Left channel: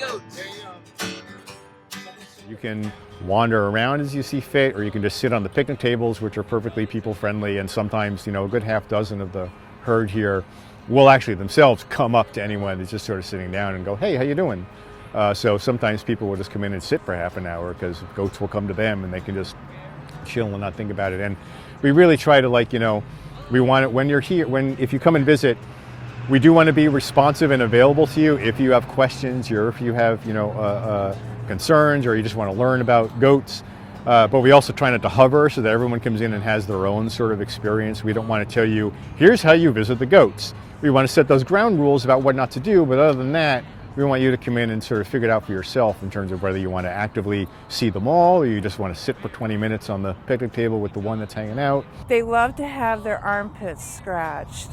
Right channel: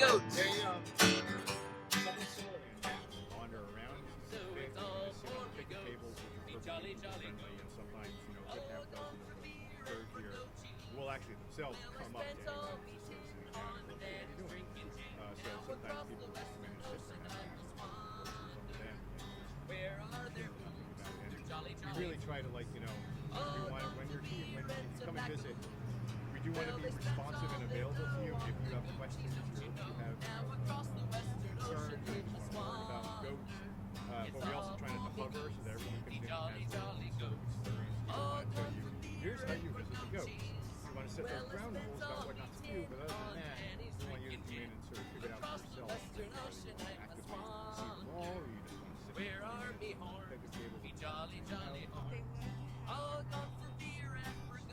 Goats. You can wander around as you see fit, or you can just sit on the picnic tables, which are perfectly people-friendly, and sometimes, a good half dozen of the herd here will actually themselves come up to anyone that's just sort of sitting down and go, "Hey, how you doing?" So sometimes people will just come in and sit for half an hour because goats will come to them and they can just chill and not think about it. And we really try to, we want it when you're here, if you come and visit, we do want to be responsive and available to you if you have questions or if you have, concerns or you just want to learn about goats. But we also try not to hover so that everyone comes in and has their own sort of experience. We don't want to tell you, here's how you visit the goats. We want to set those ground rules about what not to do, but other than that, we want you to come in and sort of figure it out for yourself in terms of whether you want to actively see them all or you just want to sit for 20 minutes on the picnic table with the one that's hanging out. They love to have their armpits scratched.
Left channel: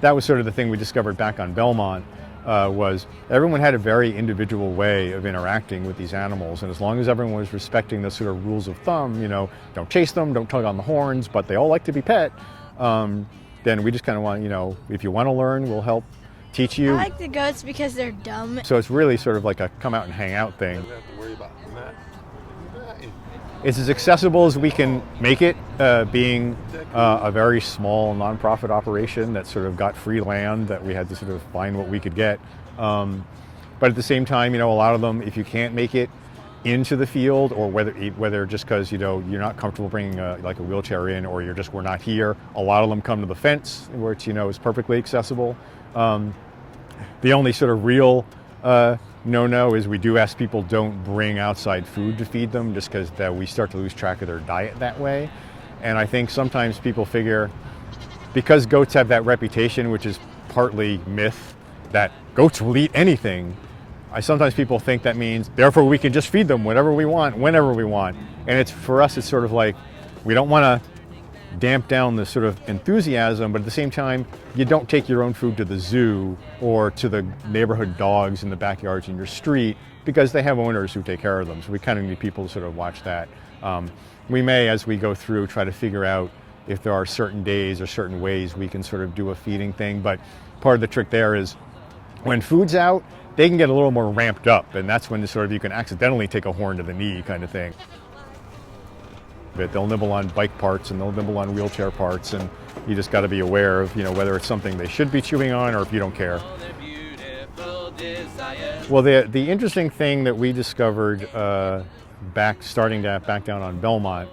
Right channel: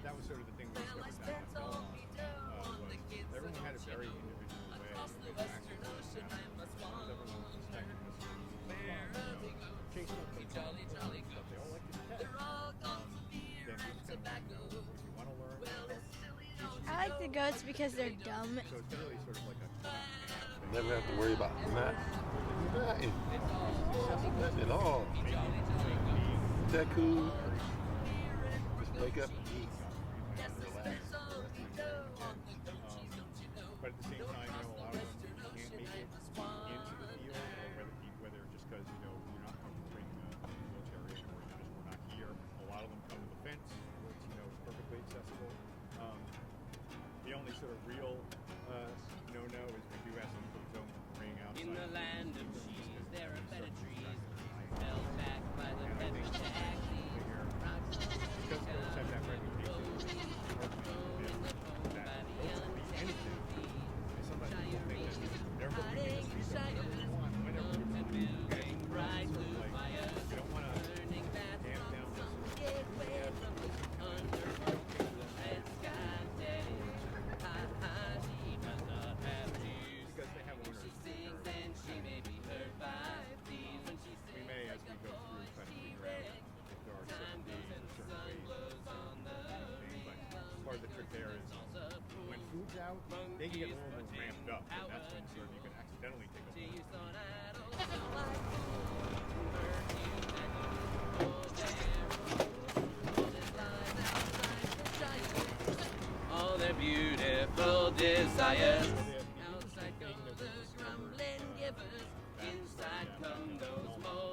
That was sort of the thing we discovered back on Belmont, was everyone had a very individual way of interacting with these animals, and as long as everyone was respecting the sort of rules of thumb, don't chase them, don't tug on the horns, but they all like to be pet, then we just kind of want, if you want to learn, we'll help teach you. I like the goats because they're dumb. So it's really sort of like a come out and hang out thing. You don't have to worry about that. It's as accessible as we can make it, being a very small nonprofit operation that sort of got free land that we had to sort of find what we could get. But at the same time, a lot of them, if you can't make it into the field, or whether just because you're not comfortable bringing like a wheelchair in, or we're not here, a lot of them come to the fence, which is perfectly accessible. The only sort of real no is we do ask people don't bring outside food to feed them, just because we start to lose track of their diet that way. And I think sometimes people figure, because goats have that reputation, which is partly myth, that goats will eat anything, sometimes people think that means therefore we can just feed them whatever we want, whenever we want. And for us, it's sort of like, we don't want to damp down the sort of enthusiasm, but at the same time, you don't take your own food to the zoo or to the neighborhood dogs in the backyards in your street, because they have owners who take care of them. So we kind of need people to sort of watch that. We may, as we go through, try to figure out if there are certain days or certain ways we can sort of do a feeding thing, but part of the trick there is when food's out, they can get a little more ramped up, and that's when you can accidentally take a horn to the knee kind of thing. But they'll nibble on bike parts and they'll nibble on wheelchair parts, and you just got to be aware of whether it's something they should be chewing on or if you don't care. Well, the interesting thing that we discovered back down on Belmont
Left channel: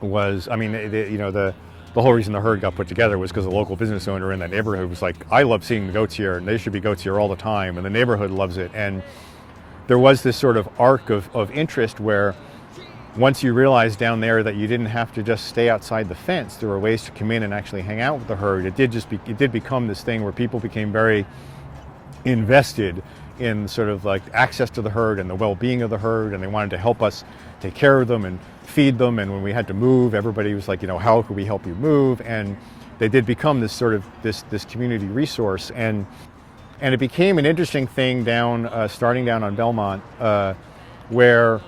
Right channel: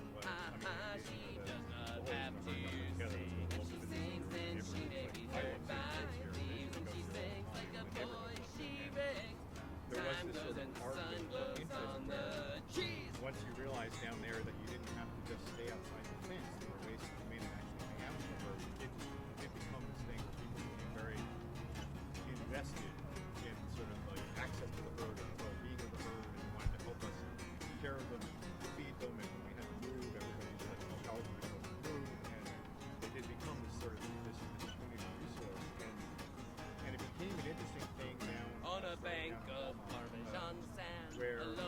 was, the whole reason the herd got put together was because the local business owner in that neighborhood was like, I love seeing the goats here, and there should be goats here all the time, and the neighborhood loves it. And there was this sort of arc of interest where once you realized down there that you didn't have to just stay outside the fence, there were ways to come in and actually hang out with the herd. It did become this thing where people became very invested in sort of like access to the herd and the well-being of the herd, and they wanted to help us take care of them and feed them. And when we had to move, everybody was like, how can we help you move? And they did become this sort of this community resource, and it became an interesting thing starting down on Belmont, where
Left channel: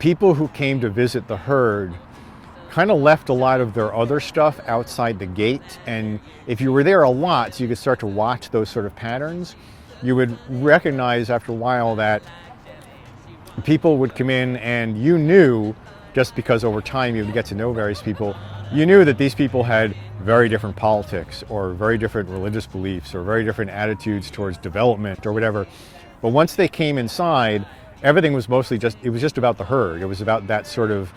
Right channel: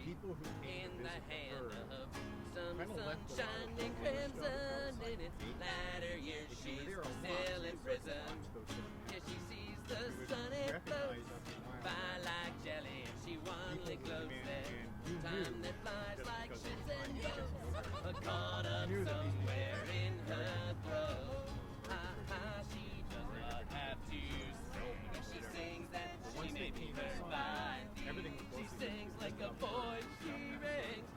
people who came to visit the herd kind of left a lot of their other stuff outside the gate. And if you were there a lot, so you could start to watch those sort of patterns, you would recognize after a while that people would come in, and you knew, just because over time you would get to know various people, you knew that these people had very different politics or very different religious beliefs or very different attitudes towards development or whatever. But once they came inside, everything was mostly just about the herd. It was about that sort of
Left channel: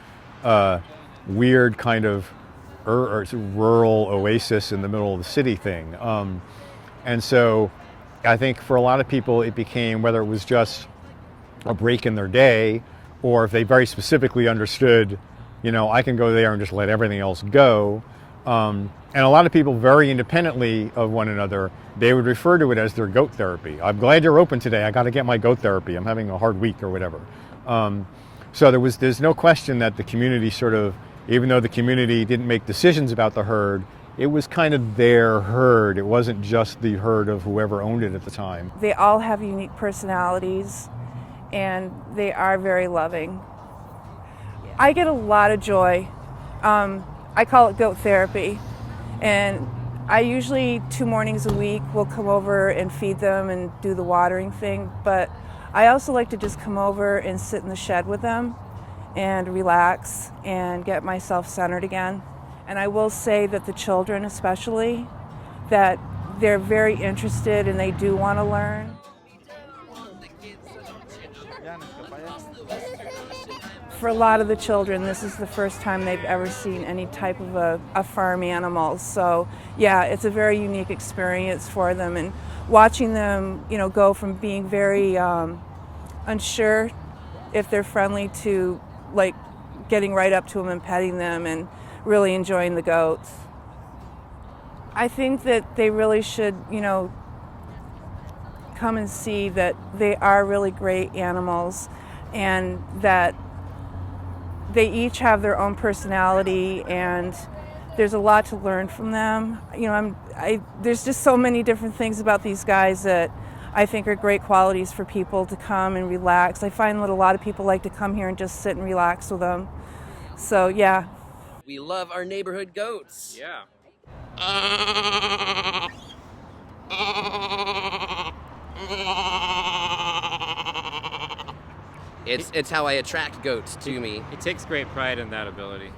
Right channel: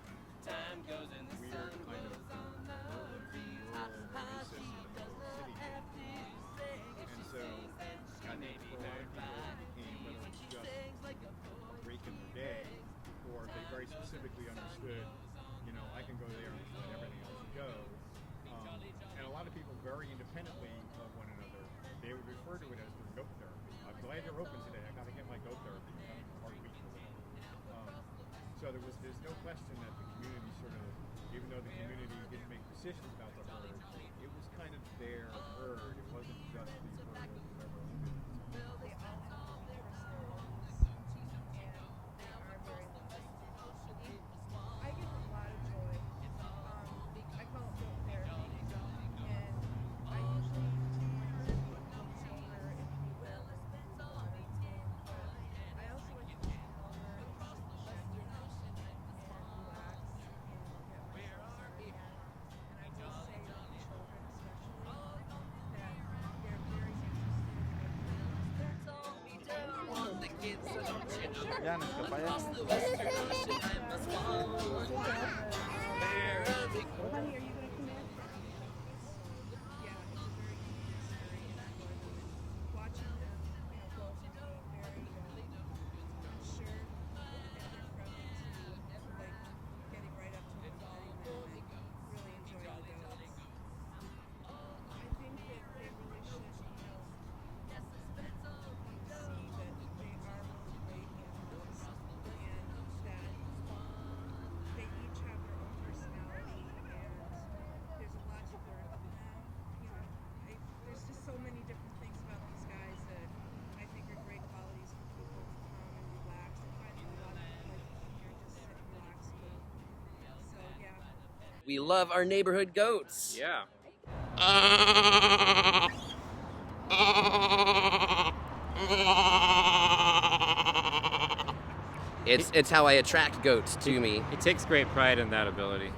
weird kind of rural oasis in the middle of the city thing. And so I think for a lot of people it became, whether it was just a break in their day, or if they very specifically understood, I can go there and just let everything else go. And a lot of people, very independently of one another, they would refer to it as their goat therapy. I'm glad you're open today. I got to get my goat therapy. I'm having a hard week or whatever. So there's no question that the community sort of, even though the community didn't make decisions about the herd, it was kind of their herd. It wasn't just the herd of whoever owned it at the time. They all have unique personalities, and they are very loving. I get a lot of joy. I call it goat therapy, and I usually 2 mornings a week will come over and feed them and do the watering thing, but I also like to just come over and sit in the shed with them and relax and get myself centered again. And I will say that the children especially, that they're very interested and they do want to learn. For a lot of the children, this is the first time they've ever seen any type of a farm animal. So yeah, it's a very unique experience for them. And watching them, go from being very unsure if they're friendly to like getting right up to them and petting them and really enjoying the goats. I think that they really should, come and see that they are really great animals and that they each have their own personality and there's a lot to learn from them. There's just so many different things about these guys that I think are great qualities for people to come and relax. I find that a lot of people like to come here and just sit and relax with them. So yeah. We love our neighborhood goats. Yeah. It's how I attract goats to me. He takes great pride in that ability.